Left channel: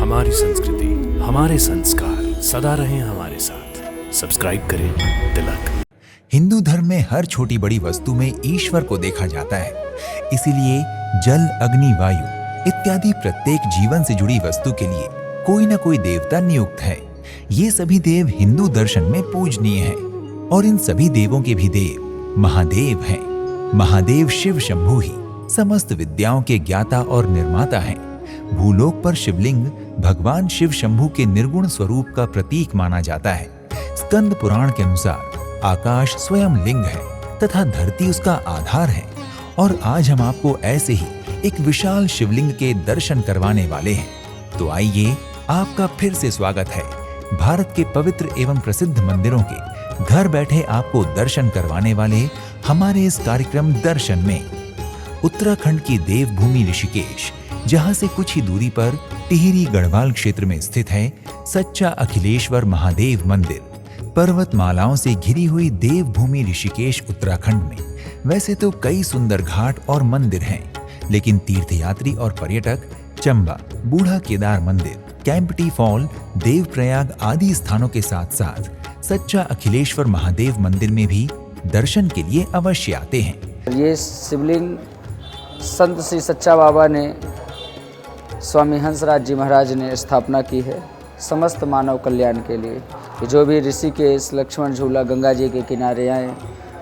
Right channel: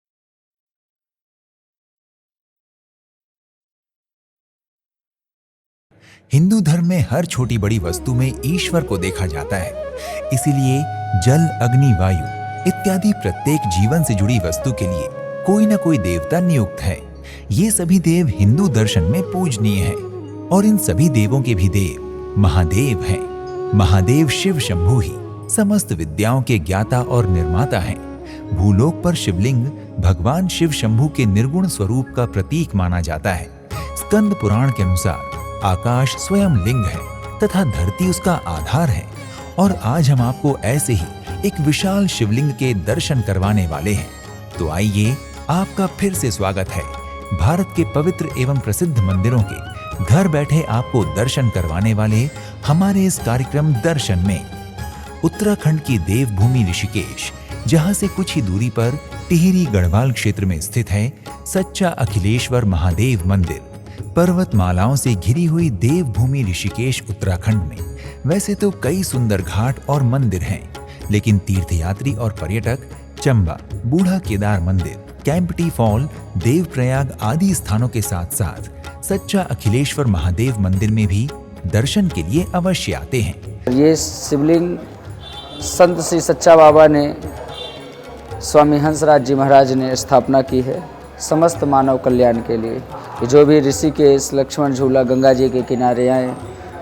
हमारी संस्कृति, हमारे संस्कार सदा रहें हमारे साथ। सब्सक्राइब करें तिलक। हिंदू धर्म में हर छोटी बड़ी वस्तु में ईश्वर को देखा जाता है। इसीलिए जल, अग्नि, वायु इत्यादि प्रत्येक जीवन से जुड़ी वस्तु के लिए कोई न कोई देवता नियुक्त है। ये सभी देव हिंदू दर्शन में पूजनीय हैं और इन सभी देवों के भी देव महादेव हैं। महादेव शिव शंभु ही समस्त विद्याओं के ज्ञाता और निर्माता हैं। भूलोक पर शिवलिंग भगवान शिव शंभु के निर्गुण स्वरूप का प्रतीक माना जाता है। स्कंद पुराण के अनुसार आकाश स्वयं लिंग है तथा धरती उसका आधार है। और आज हम आपको ऐसे ही एक विशाल शिवलिंग के दर्शन करवाने वाले हैं। तो आइए, आपका फिर से स्वागत है भारत के पवित्र एवं प्रसिद्ध मंदिरों के घर बैठे आपको दर्शन करवाने वाले हमारे इस कार्यक्रम दर्शन में। उत्तराखंड की देवभूमि ऋषिकेश, जहां से कुछ ही दूरी पर टिहरी गढ़वाल क्षेत्र में स्थित है सच्चा अखिलेश्वर महादेव मंदिर। पर्वतमालाओं से घिरी हुई देवभूमि ऋषिकेश उत्तराखंड में वैसे तो कई सुंदर घाट और मंदिर हैं, लेकिन तीर्थयात्री और पर्यटक चंबा, बूढ़ा केदार मंदिर, कैंपटी फॉल, देवप्रयाग आदि स्थानों के साथ साथ सच्चा अखिलेश्वर महादेव मंदिर में भी दर्शन के लिए अवश्य आते हैं। ये शिवलिंग संत श्री सच्चा बाबा ने, स्वामी हंसराज जी महाराज ने स्थापना की है समस्त मानव कल्याण के लिए। कि जो भी ऋषिकेश लक्ष्मण झूला गंगा जी के किनारे आए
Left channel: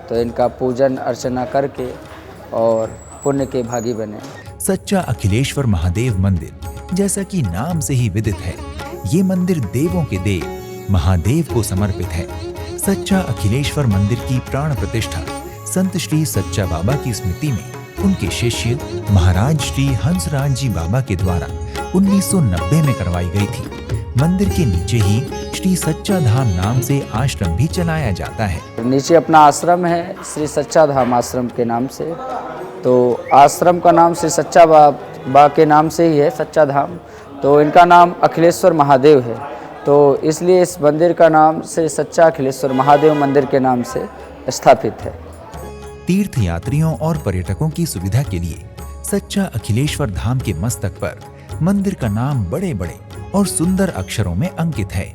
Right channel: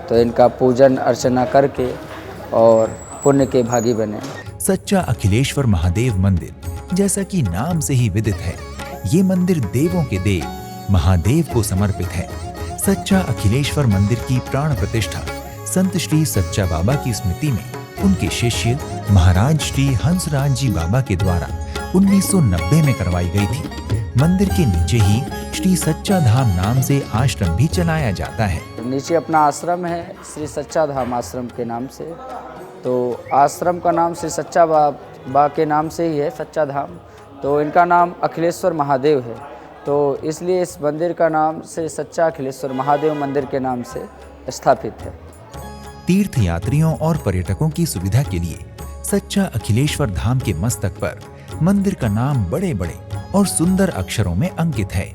तो इनका पूजन अर्चना करके और पुण्य के भागी बने। सच्चा अखिलेश्वर महादेव मंदिर, जैसा कि नाम से ही विदित है, ये मंदिर देवों के देव महादेव को समर्पित है। सच्चा अखिलेश्वर मंदिर की प्राण प्रतिष्ठा संत श्री सच्चा बाबा की स्मृति में उनके शिष्य महाराज श्री हंसराज जी बाबा के द्वारा 1990 में करवाई गई थी। मंदिर के नीचे ही श्री सच्चा धाम नाम से आश्रम भी चलाया जाता है। नीचे अपना आश्रम है श्री सच्चा धाम आश्रम के नाम से। तो आश्रम का नाम श्री सच्चा बाबा के नाम से ही है, सच्चा धाम। तो इनका नाम अखिलेश्वर महादेव है, तो इसलिए इस मंदिर का नाम श्री सच्चा अखिलेश्वर महादेव मंदिर के नाम से स्थापित है। तीर्थयात्रियों और पर्यटकों की सुविधा के लिए सच्चा अखिलेश्वर धाम के मस्तक पर मंदिर का नाम बड़े बड़े और सुंदर अक्षरों में अंकित है।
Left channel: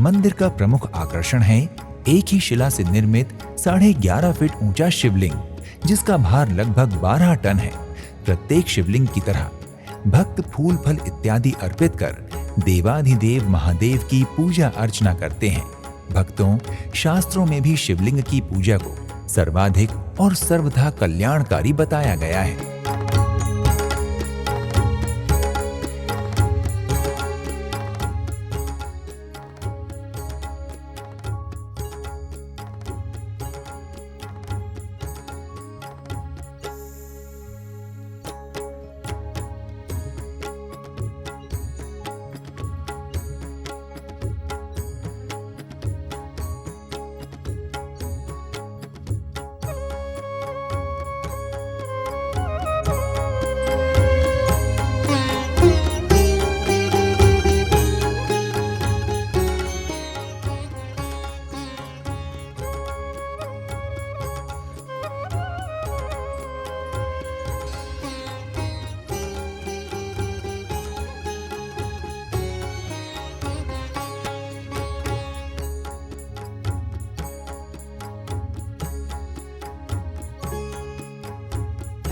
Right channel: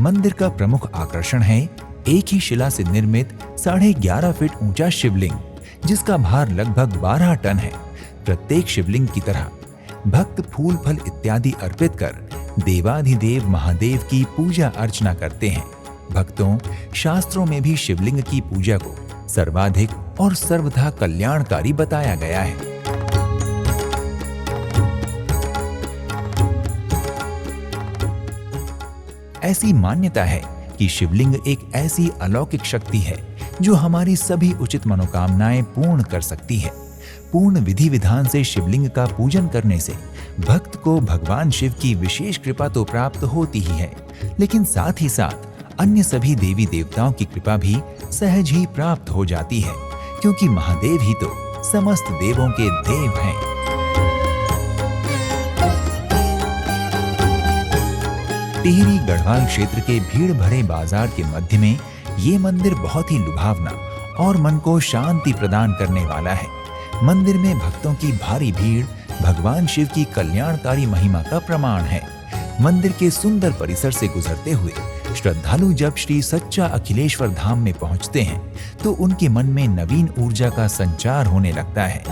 मंदिर का प्रमुख आकर्षण है एक ही शिला से निर्मित 11.5 फीट ऊंचा शिवलिंग, जिसका भार लगभग 12 टन है। प्रत्येक शिवलिंग की तरह भक्त फूल फल इत्यादि अर्पित कर देवाधिदेव महादेव की पूजा अर्चना करते हैं। भक्तों, शास्त्रों में भी शिवलिंग की पूजा को सर्वाधिक और सर्वथा कल्याणकारी बताया गया है। ऐसी मान्यता है कि शिवलिंग एक ऐसी अलौकिक शक्ति है जो हमारी सभी उचित मनोकामनाएं पूर्ण कर सकती है। पूर्ण विधि विधान से शिवलिंग का पूजन करने से भक्त को भगवान शिव की विशेष कृपा तो प्राप्त होती ही है, लेकिन साथ ही साथ अन्य सभी देवी देवताओं की कृपा भी सहज ही प्राप्त हो जाती है, क्योंकि महादेव ही तो समस्त देवों के देव हैं। टिहरी गढ़वाल क्षेत्र के भीड़ भरे बाजार के मध्य में ये मंदिर बहुत ही लुभावना और मन को शांति प्रदान करने वाला है। मंदिर में भक्तों की भारी भीड़ भगवान शिव की कल्याणकारी महिमा का प्रमाण है। मंदिर के सुंदर परिसर से गुजरते हुए श्रद्धालु जब श्री सच्चा अखिलेश्वर धाम में पहुंचते हैं तो उनके मन में नवीन ऊर्जा का संचार होने लगता है।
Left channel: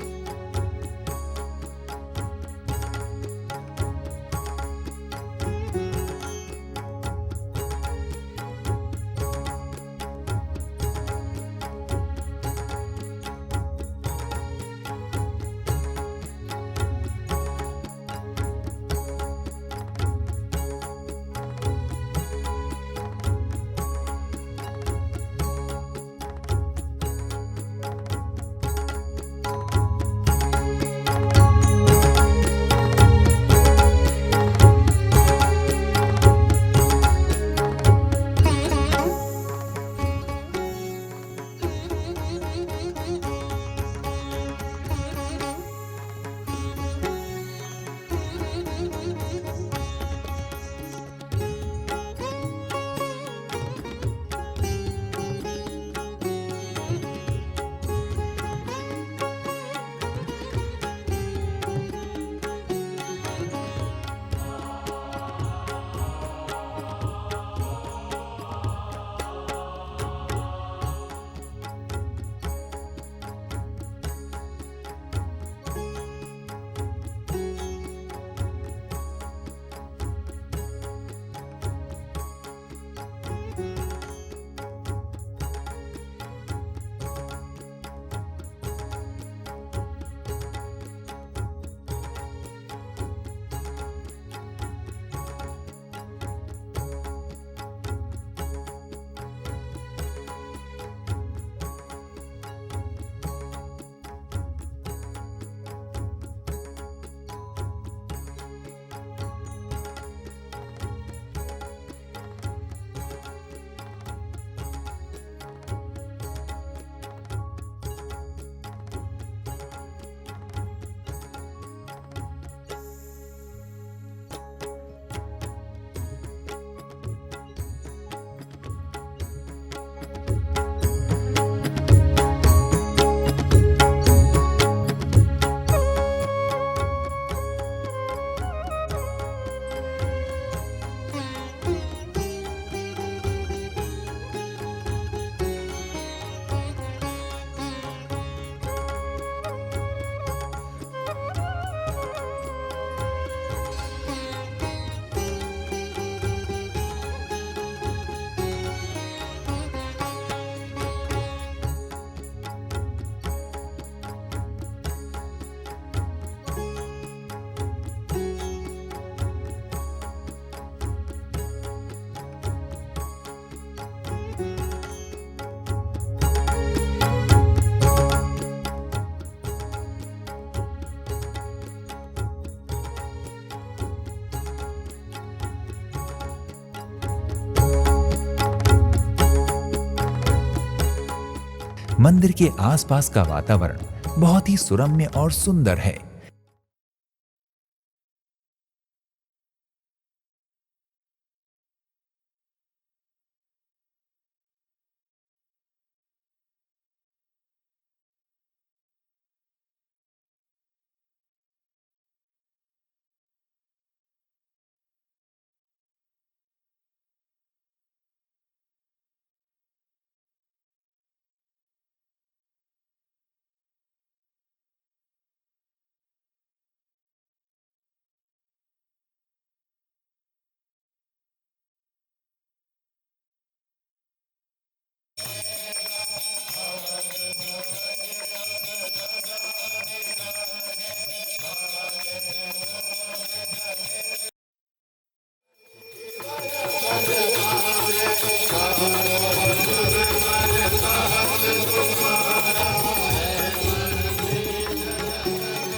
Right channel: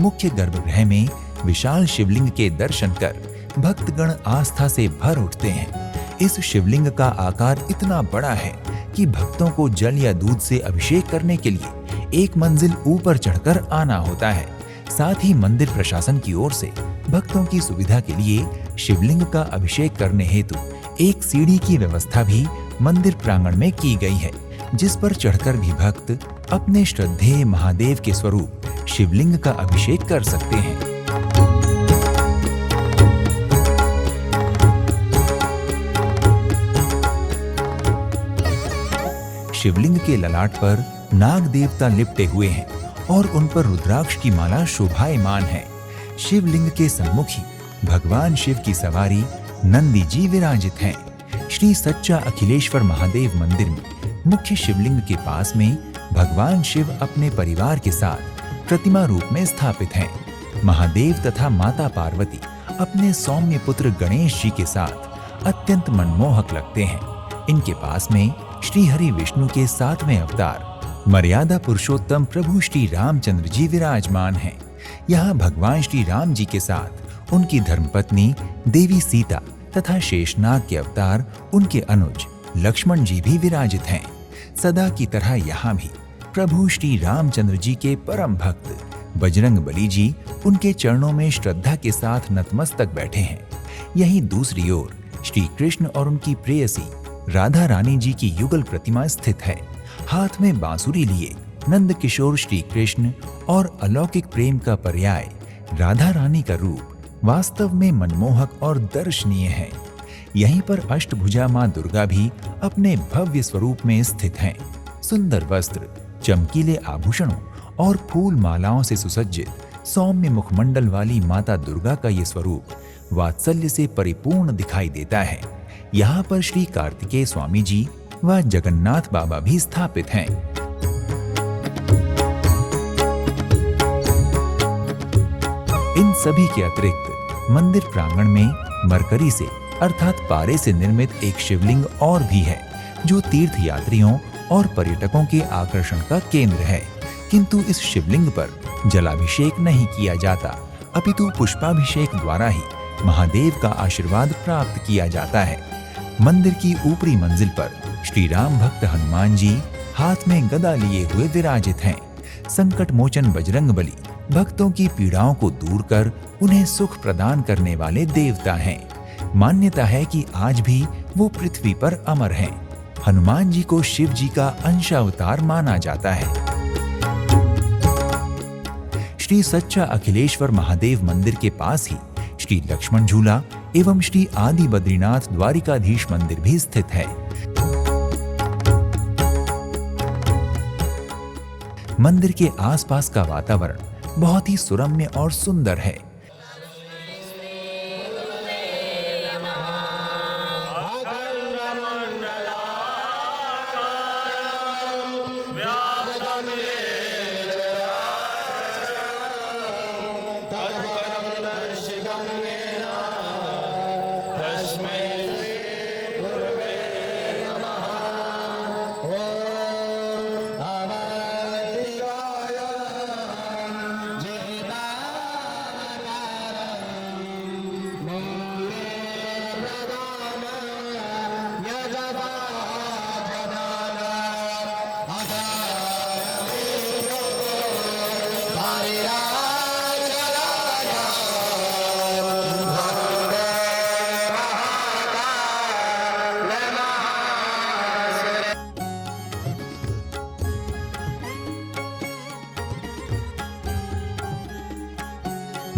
मुख्य गर्भगृह में विशाल शिवलिंग के दर्शन कर भक्तगण आस्था से भर उठते हैं। इस शिवलिंग का आकार इतना बड़ा है कि भक्तों को जल या दूध से अभिषेक करने के लिए एक मंजिल ऊपर चढ़कर आना होता है। साथ ही मंदिर प्रशासन की ओर से भक्तों की सुविधा के लिए शिवलिंग का अभिषेक करने हेतु एक सीढ़ी की व्यवस्था भी मंदिर प्रांगण में की गई है, जिस पर चढ़कर भी भक्त अपने श्रद्धेय महादेव के स्वरूप शिवलिंग का अभिषेक कर सकते हैं। शिवलिंग के ललाट पर नाग देवता लिपटे हुए हैं और उन पर रुद्राक्ष की माला शोभायमान है। शिवलिंग के सम्मुख ही भगवान शिव की सवारी नंदी जी विराजित हैं। श्री सच्चा अखिलेश्वर महादेव मंदिर में मुख्य शिवलिंग के पास में भगवान शिव अपने परिवार के साथ प्रतिमा रूप में स्थापित हैं। महादेव तथा माता पार्वती अपने सौम्य पुत्र गणेश जी के साथ अत्यंत मनमोहक लगते हैं। इनके पास में श्री हरि विष्णु के 7वें अवतार मर्यादा पुरुषोत्तम प्रभु श्री रामचंद्र जी विराजमान हैं। यहाँ भगवान श्री राम जी के साथ उनकी धर्मपत्नी देवी सीता तथा शेषनाग के अवतार उनके अनुज लक्ष्मण जी भी विराजित हैं। सदा की तरह यहाँ भी प्रभु श्री रामचंद्र जी के परम भक्त बजरंग बली जी उनके चरणों में श्रद्धा के साथ नतमस्तक बैठे हैं। यहीं दूसरी ओर श्री कृष्ण और उनकी प्रेयसी राधा रानी जी की युगल प्रतिमा स्थित है। हाथ में बांसुरी लिए नंद किशोर श्री कृष्ण और अलौकिक प्रेम का पर्याय राधा रानी का रूप वास्तव में मनमोहक और दर्शनीय है। यहीं पर अष्टभुजा मां दुर्गा भी अपने भव्य स्वरूप में स्थित हैं। सुंदर वस्त्र, चमकीले आभूषणों और फूल मालाओं से सुसज्जित सौम्य मुखमंडल वाली माता दुर्गा का ये स्वरूप वात्सल्य से परिपूर्ण दिखाई देता है। यहाँ पर श्री कार्तिकेय स्वामी जी व जगन्नाथ बाबा भी स्थापित हैं। इन सभी के अतिरिक्त मंदिर प्रांगण में मरकरी से अर्थात पारे से निर्मित एक शिवलिंग और भी है, जो तीर्थ यात्रियों और पर्यटकों के आकर्षण का केंद्र है। किंतु इस शिवलिंग पर जलाभिषेक नहीं किया जाता, अपितु पुष्पाभिषेक द्वारा ही महादेव का आशीर्वाद प्राप्त किया जाता है। मंदिर की ऊपरी मंजिल पर श्री राम भक्त हनुमान जी हाथ में गदा लिए हुए विराजित हैं। संकट मोचन बजरंग बली भक्तों की पीड़ाओं को दूर कर उन्हें सुख प्रदान करने वाले देवता हैं। मान्यता है कि आज भी वो पृथ्वी पर अमर हैं। हनुमान जी को शिव जी का अंशावतार माना जाता है। श्री सच्चा अखिलेश्वर महादेव मंदिर के पास ही श्री लक्ष्मण झूला एवं श्री आदि बद्रीनाथ द्वारिकाधीश मंदिर भी स्थित है। मंदिर के आसपास का वातावरण बहुत ही सुरम्य और सुंदर है।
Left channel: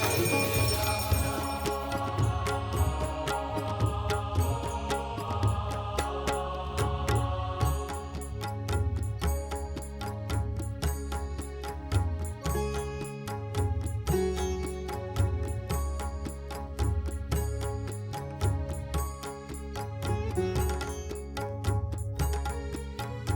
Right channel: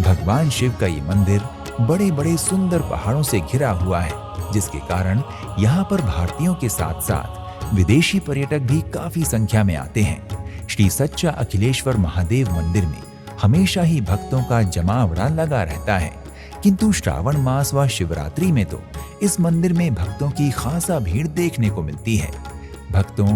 भगवान शिव का ये मंदिर बड़े बड़े सुंदर पहाड़ों से घिरा हुआ है, जिसके कारण यहाँ पर भारतीयों के साथ साथ विदेशी पर्यटक भी काफी संख्या में आते हैं। श्री सच्चा अखिलेश्वर महादेव मंदिर में हमेशा ही भक्तों का जमावड़ा लगा रहता है, किंतु श्रावण मास व शिवरात्रि में तो इस मंदिर में भक्तों की खासा भीड़ देखने को मिलती है। भक्तों,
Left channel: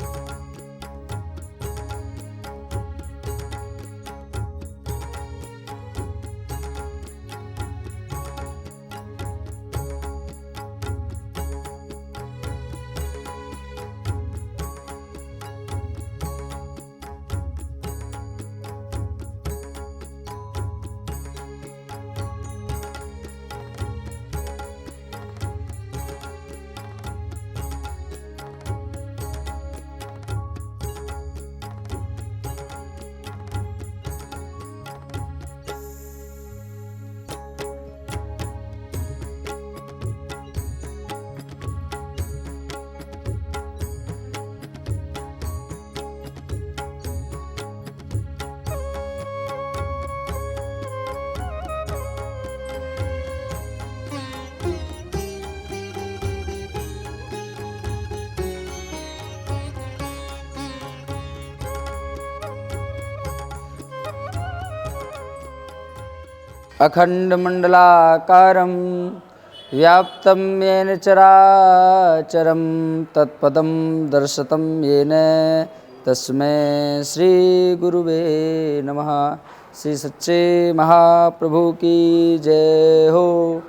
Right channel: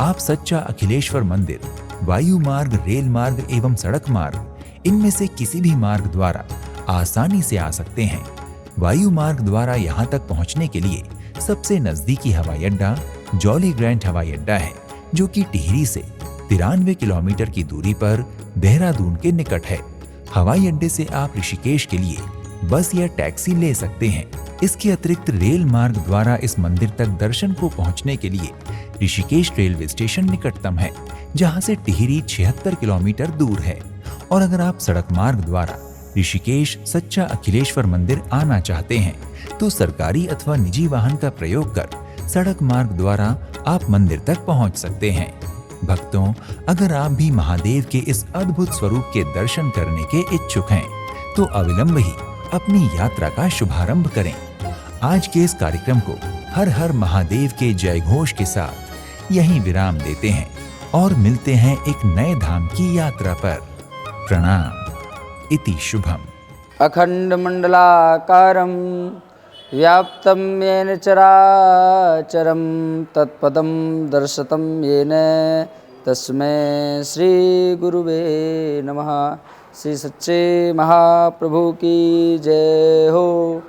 आप सच्चा अखिलेश्वर मंदिर वायु मार्ग, रेल मार्ग एवं सड़क मार्ग इनमें से किसी भी मार्ग द्वारा आसानी से आ सकते हैं। वायु मार्ग द्वारा यहाँ तक पहुँचने के लिए सबसे नजदीकी हवाई अड्डा जॉली ग्रैंट हवाई अड्डा है, जो कि टिहरी से 93 किलोमीटर की दूरी पर देहरादून के निकट है। हवाई अड्डे से आप ऋषिकेश के लिए बस या टैक्सी ले सकते हैं। इसके अतिरिक्त रेल मार्ग द्वारा इस मंदिर तक दर्शन को पहुँचने के लिए ऋषिकेश रेलवे स्टेशन निकटतम है, जहाँ से टिहरी 76 किलोमीटर दूर है। और अगर आप सड़क मार्ग द्वारा ऋषिकेश सच्चा अखिलेश्वर मंदिर आना चाहते हैं तो सरकारी अथवा निजी वाहन का प्रयोग कर सड़क मार्ग द्वारा आप मंदिर तक पहुंच सकते हैं। भक्तों, अगर आप भी महादेव के इस अद्भुत स्वरूप के दर्शन करने के इच्छुक हैं तो अविलंब ही अपनी यात्रा का शुभारंभ करें। आज के इस कार्यक्रम को हर हर महादेव के जय घोष के साथ यहीं विराम देते हैं और मिलते हैं एक नए धाम की यात्रा पर। प्रणाम। इति शुभम। अखण्डमण्डलाकारं व्याप्तं येन चराचरं तत्पदं दर्शितं येन तस्मै श्रीगुरुवे नमः। श्री सच्चे महाप्रभु की जय हो।